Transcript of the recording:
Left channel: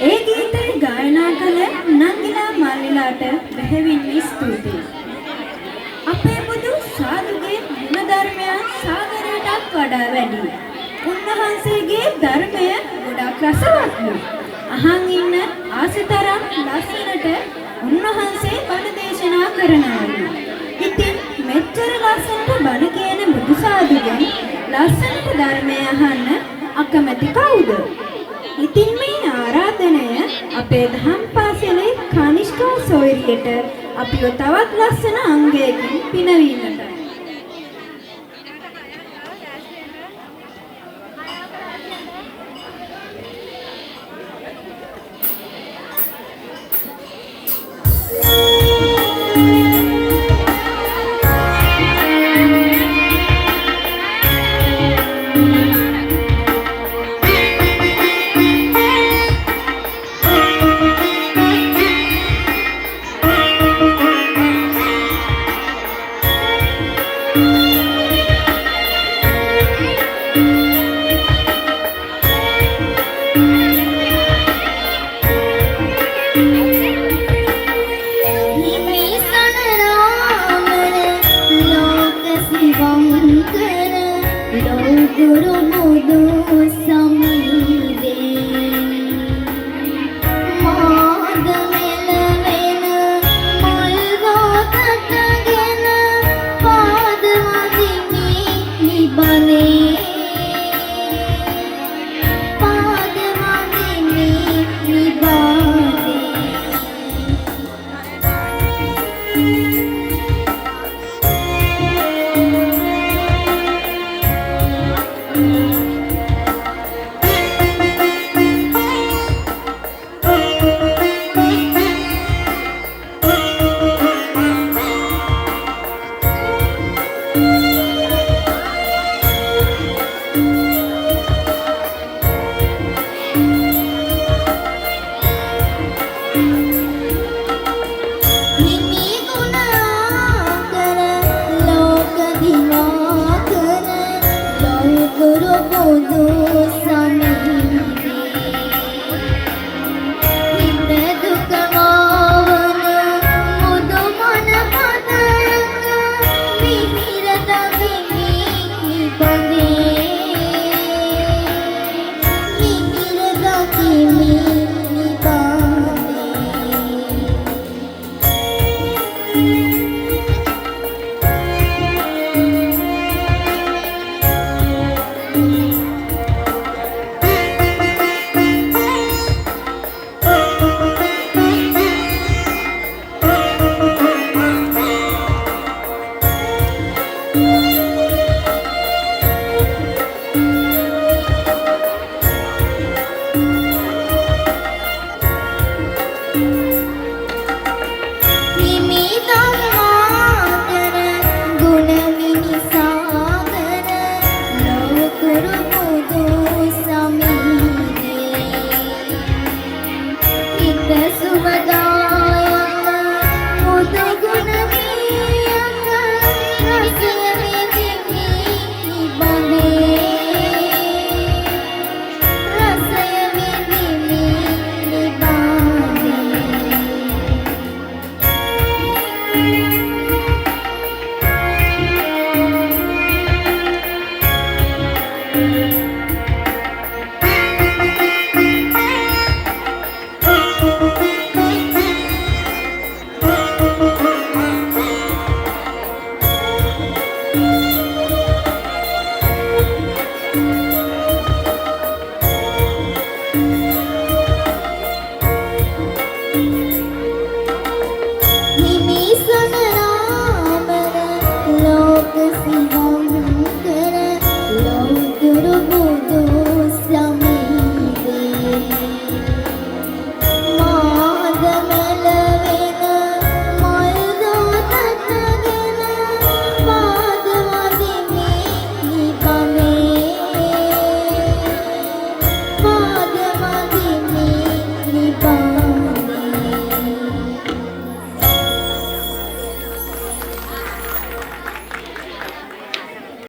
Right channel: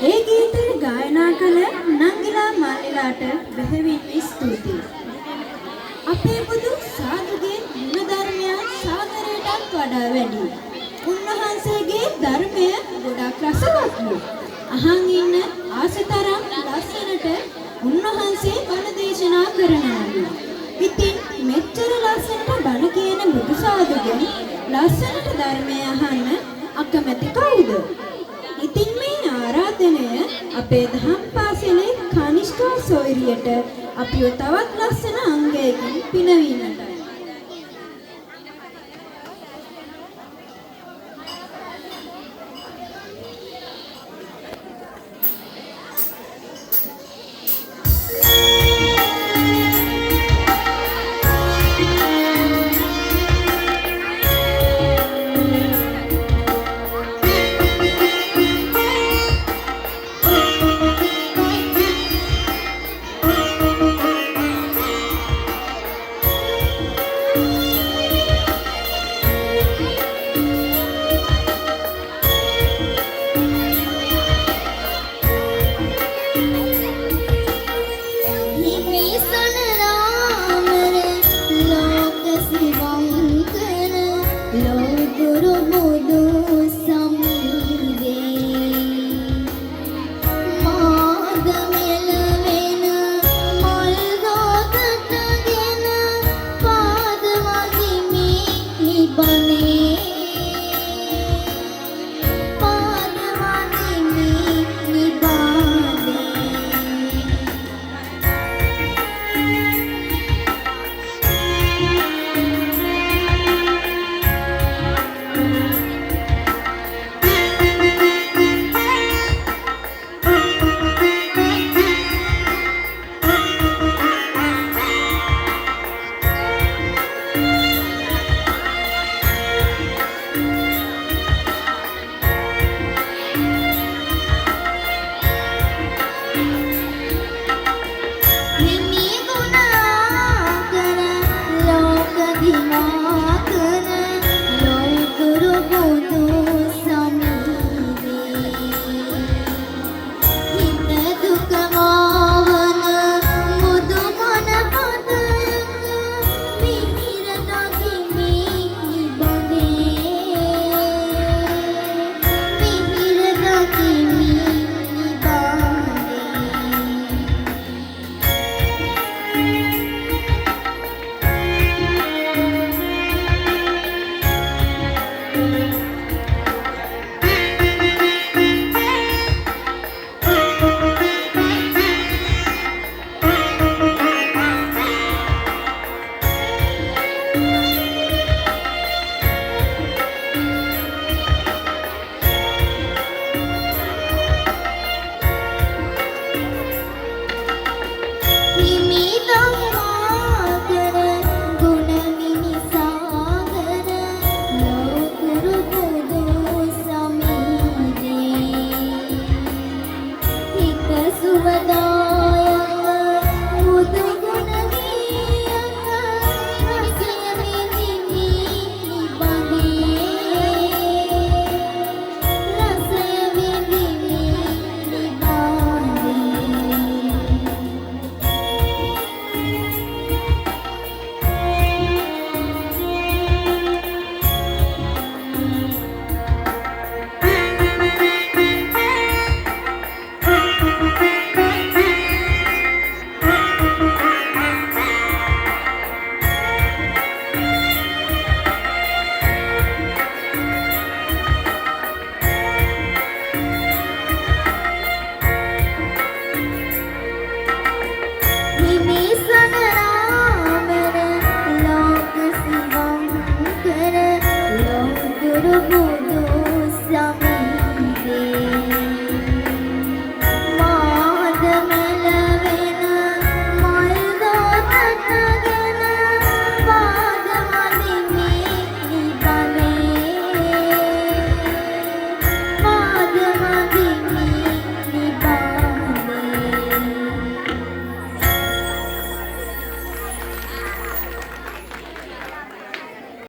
ඒ ගීතය ගායනා කළ නංගිලා මල්ලිලාට බෙහෙවින්ම ස්තුතියි. අපේ බුදු සාදුගේ ගුණධර්මය සාගරයටත් වඩා වැඩි. උන්වහන්සේගේ ධර්මය ගොඩාක් රසවත්ලු. අහන් ඉන්න ආසතරම් ලස්සනට උන්වහන්සේ බණ දේශනා කරනවලු. ඉතින් මෙච්චර ලස්සනට බණ කියන බුදු සාදුගෙන් ලස්සනට ධර්මය අහන්න අකමැති කවුද? ඉතින් මේ ආරාධනය අපේ දහම් පාසලේ කනිෂ්කා සොයුරියට අපිව තවත් ලස්සන අංගයකින් පිනවීමට